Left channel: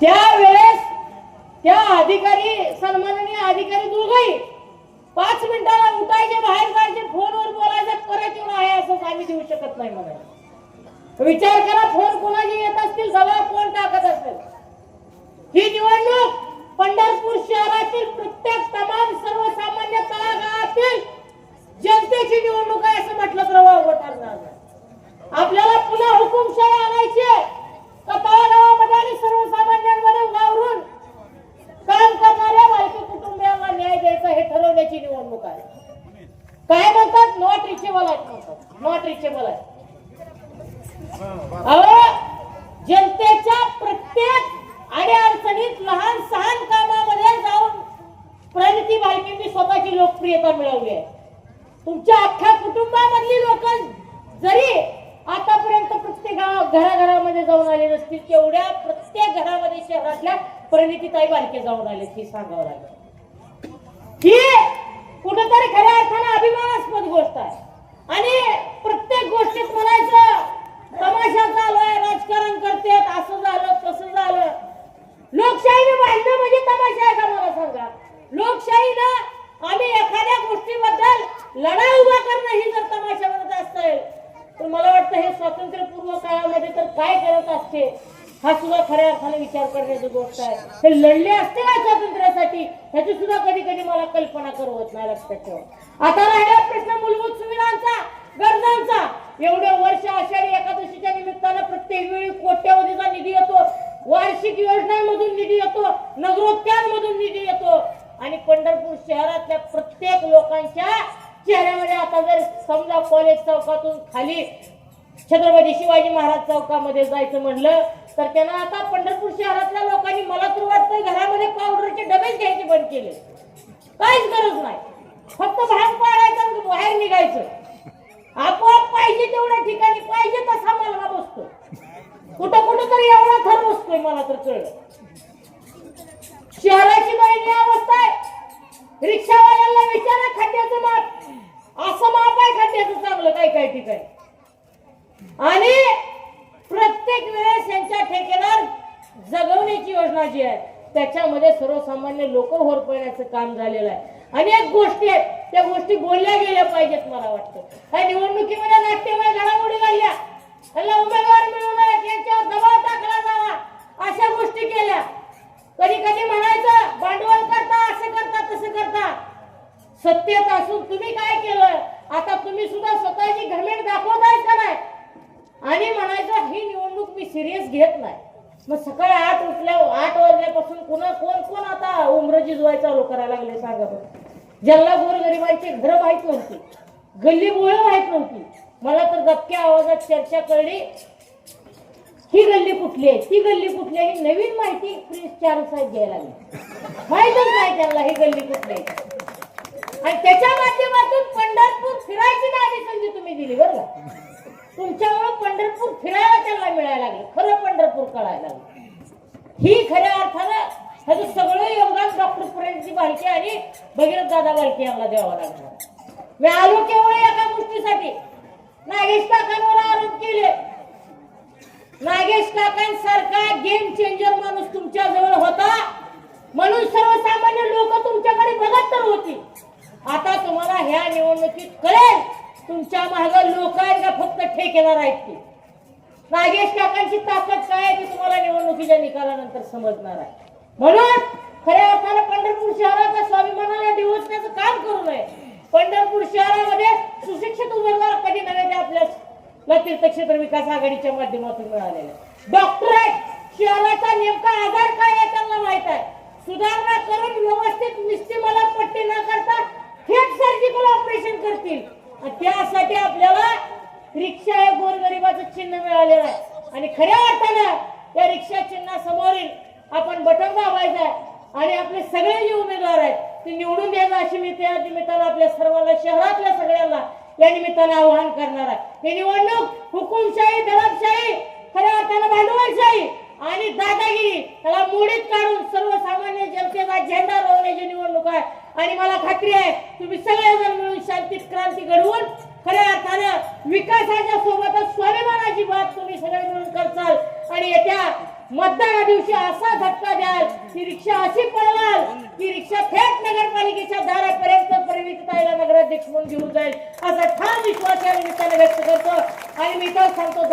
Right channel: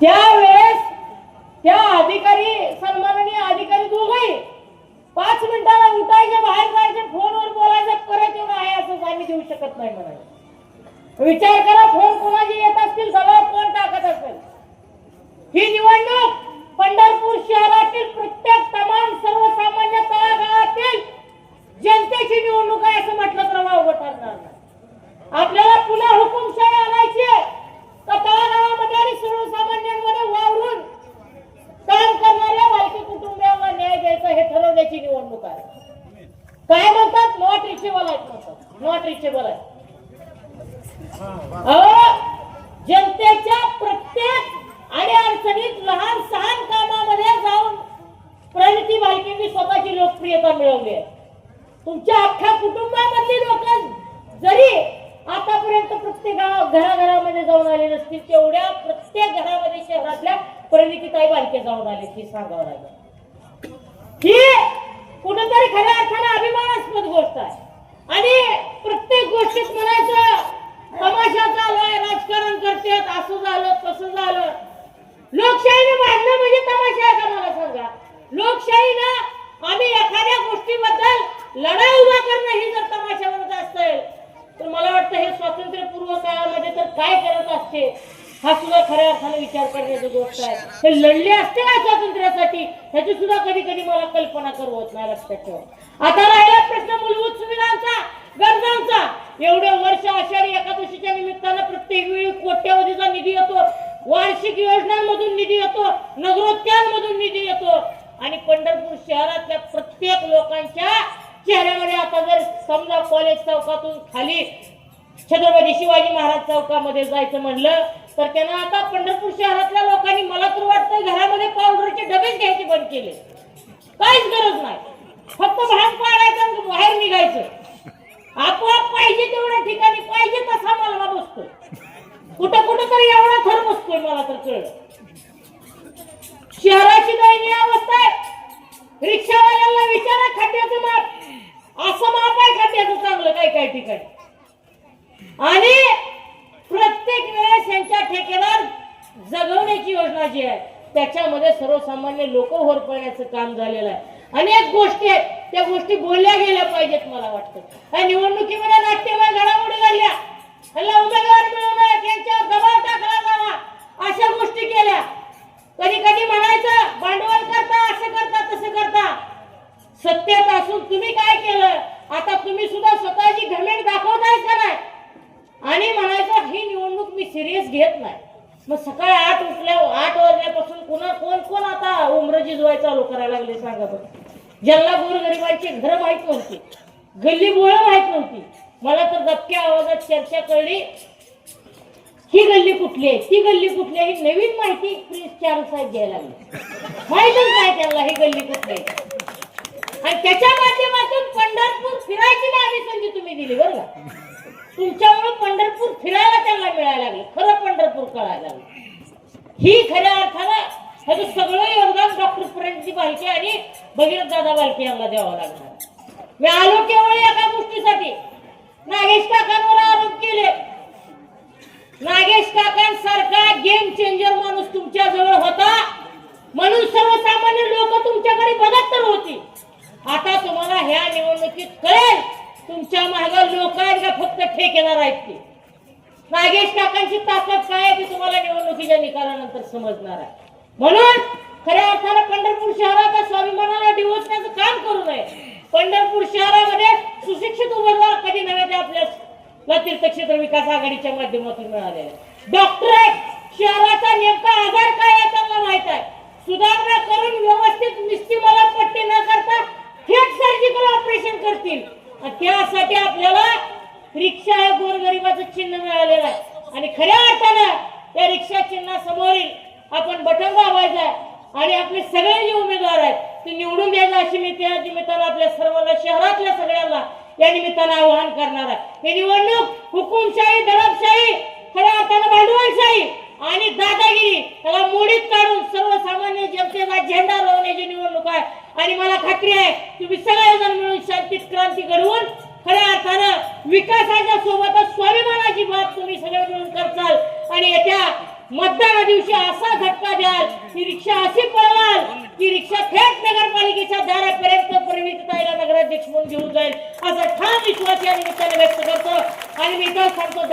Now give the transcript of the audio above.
त्यावेळेस त्या अधिकारी सन्माननीय अधिकारी दोघही पाच मिनिटाला उठायचे बाहेर जायचे फोनवर बोलायचं करायचं नाही? असं आम्ही देऊ शकत नाही म्हणाले. विचार करा फोन कोणाचे येत असतील सगळं कोण टाकत असेल ही निवडणूक पंढरपूर शहरातील प्रत्येक तमाम सर्वसामान्य तळागाळातील जनतेची निवडणूक आहे असं म्हटलं तर वाव ठरणार नाही. आपल्याला पुन्हा हुकुमशाही आणायची आहे. तर तळागाळामध्ये आणि सर्वसामान्यांमध्ये वावरून काम करणाऱ्या वारकी कुटुंबियांना न्याय द्यायचा हे ठरवण्याची निवडणूक आहे काय म्हणतात नॉट रिचेबल आहेत म्हणतात नॉट रिचेबल आहे अहो, जनतेच्या प्रत्येक आणि अडचणीत लहान सहान कामामध्ये जाऊन प्रणिती भालकेंनी स्वतःची लोकप्रियता मिळवली आहे तुमच्या अख्ख्या कुटुंबामधली लोक जरी आतापर्यंत प्रत्येक गावात घराघरामध्ये जाऊन आले नसतील तेवढ्या प्रत्येक घरामध्ये शहरातल्या परिणितीताई बालके जाऊन आले ती सांगावं लागेल. ही कुठंतरी खऱ्या अर्थानं अभिमानास्पद गोष्ट आहे. आणि प्रत्येक गोष्टीत म्हणायचं तमाशा चालू राजकारण करतात असं झालं तसं झालं. लोकशाहीने भांडणं म्हणजे तमाशा आहे का मला सांगा? लोकशाहीनं आम्ही एखाद्या गोष्टीबद्दल लढाई उभा करणं ही जर तमाशा म्हणत असेल तर मला वाटतं हे स्वातंत्र्यपूर्व काळामध्ये तर काय करत असते हा सुद्धा खऱ्या अर्थाने विचार करण्याची गोष्ट आहे. हे लढले असते ना स्वातंत्र्यासाठी ह्याची सुद्धा कधी कधी मला कल्पना करवत नाही लक्षात ठेवा. आता राहिला प्रश्न मूलभूत सुविधांचा गरजांचा. एवढं वर्ष आषाढी एकादशीच्या निमित्तानं प्रत्येक वेळी कोट्यवधीचा निधी येतो वार्षिक योजनांमधून निधी येतो नगरोत्यांमधून निधी येतो. आणि पंढरपूर शहरातल्या प्रत्येक लोकांच्या चेहऱ्यामध्ये आता जर समजा कॉलेज चौकातून खाली छत्रपती शिवाजी महाराज चौकामध्ये जायचं म्हणलं तर त्यांना आता पंढरपूर शहरातल्या लोकांनी मला तर वाटतं घरामध्ये पावडरचे डबेच घ्यायचे बंद केले. काहीच गरज नाही. फक्त भाग पाडायचा बाहेर निघायचं. आपोआप पाहिजे तेवढ्या ठिकाणी पाहिजे तसा मला बसतो कुठं कुठं तरी एवढा थर बसतोय मला तर कळलं. शहराची दयनीय अवस्था आहे. रिक्षावाल्यांना विचारा खड्ड्याचं माप. असं माप आहे खड्ड्याचं चांगलं काय काय ठिकाणी? आणि प्रत्येक वेळेस यांच्या ठेकेदार जगवण्याची योजना जी आहे त्याच्यामध्ये सर्वसामान्य लोक होरपण्याचं काम झालेलं आहे. अनेक गोष्टी आहेत त्या गोष्टी बोलल्या गेल्या पाहिजेत मला वाटतं. या निवडणुकीमध्ये नाट्यमय घडामोडी झाल्या त्यांना उमेदवार मिळू नये दबाव टाकला जावा अशा गोष्टी केल्या. कधी कधी म्हणायचं भांडवल करता असं करता तसं करता. सत्य असून तुम्ही काय केलं आता तुम्ही सुद्धा स्वतःची घमेंट दाखवताय का नाही आणि म्हणायचं ही निवडणूक मी सिरियस घेत नाही. मग सकाळी आठ उठल्या आठ वाजल्यापासून पुन्हा कोण कोण आता उमरजी जोय चालू करायला लागले सांगा बरं ज्यांना गोरगरिबांची घरं माहीत नव्हती गल्ली बोळं माहीत नव्हती. मला तर दबक्या आवाजात चर्चा कळली ही गल्ली कुठली आहे? ती गल्ली कुठली आहे? ही नवीन माहिती प्रिन्स चार्ल्स साहेब घ्यायला लागली. माहितच नाही त्यांना ही गल्ली कुठली आहे. आणि त्याच्या माध्यमातून पंढरपूर फिरायची नाही संधी तुम्ही दिली बरं का? तुमच्यामुळे पंढरपूर फिरायला त्यांना मिळायला लागलं भरपूर पंढरपूर कळायला ही खऱ्या अर्थानं ह्याचं सगळं योगदान डॉक्टर पुरांची बालकी आणि भगीरथ दादा बालकी यांना द्यावं लागणार. मी आलो केवळ एका गोष्टीसाठी. नागेश काकांवर आरोप केले. नागेश काकांसारखा गेम चेंजर माणूस तुमच्या जवळ होता. म्हणून सर्वसामान्य लोक तुमच्याकडे बघत तर होती. आता तुम्हाला ह्या निवडणुकीत कळेल तुमच्या मागे लोक फक्त ठेकेदार आहेत ते? नागेश काकांची ताकद काय ते तुम्हाला निवडणुकीच्या निकालानंतर समजणार आहे. म्हणून खऱ्या अर्थानं पंढरपूर शहराच्या स्वाभिमानाला डिवचण्याचं काम करू नये. पंढरपूर शहरामध्ये सुशिक्षित उमेदवार कधी नव्हे ते आपल्या तीर्थक्षेत्र विकास आघाडीच्या माध्यमातून मिळालेले डॉक्टर आहेत. शहराचा नेमका आधार काय आहे त्यांना माहीत आहे. सुधारणा करून व्यवस्थित निश्चित मला पट्टी न करता थेट सर्जिकल ऑपरेशन करतील. त्यासाठी आपल्याला रिक्षा हे गोरगरिबाचं चिन्ह मिळालेलं आहे. आणि खऱ्या अर्थानं त्या रिक्षा चिन्हासमोरील आपण बटन दाबायचं आणि आपले सगळे जे उमेदवार आहेत ते निवडून द्यायला अशी मी त्या निमित्तानं आपल्या सर्वांना शहरातल्या सगळ्यांना या निमित्तानं आवाहन करणार आहे. ही निवडणूक हुकुमशाही दडपशाही खऱ्या अर्थानं भांडवलशाही आणि दादागिरी त्याला मोडीत काढून सर्वसामान्य जनतेचा झेंडा लावण्याची निवडणूक आहे. आणि मला खात्री आहे तुम्ही सगळेजण मिळून शांतीत क्रांती घडवू विकासाच्या सोबतच स्वाभिमानाची बाब तुम्ही सगळे मिळून करताल. आणि येत्या मतदाना दिवशी असा झटका द्याल की रिक्षा अशी पळवाल की रिक्षा थेट नगरपालिकेच्या दारापर्यंत परिणिताईला नगराध्यक्ष म्हणून घेऊन जाईल. असा ठाम विश्वास या निमित्ताने व्यक्त करतो. आणि मी तो सांगतो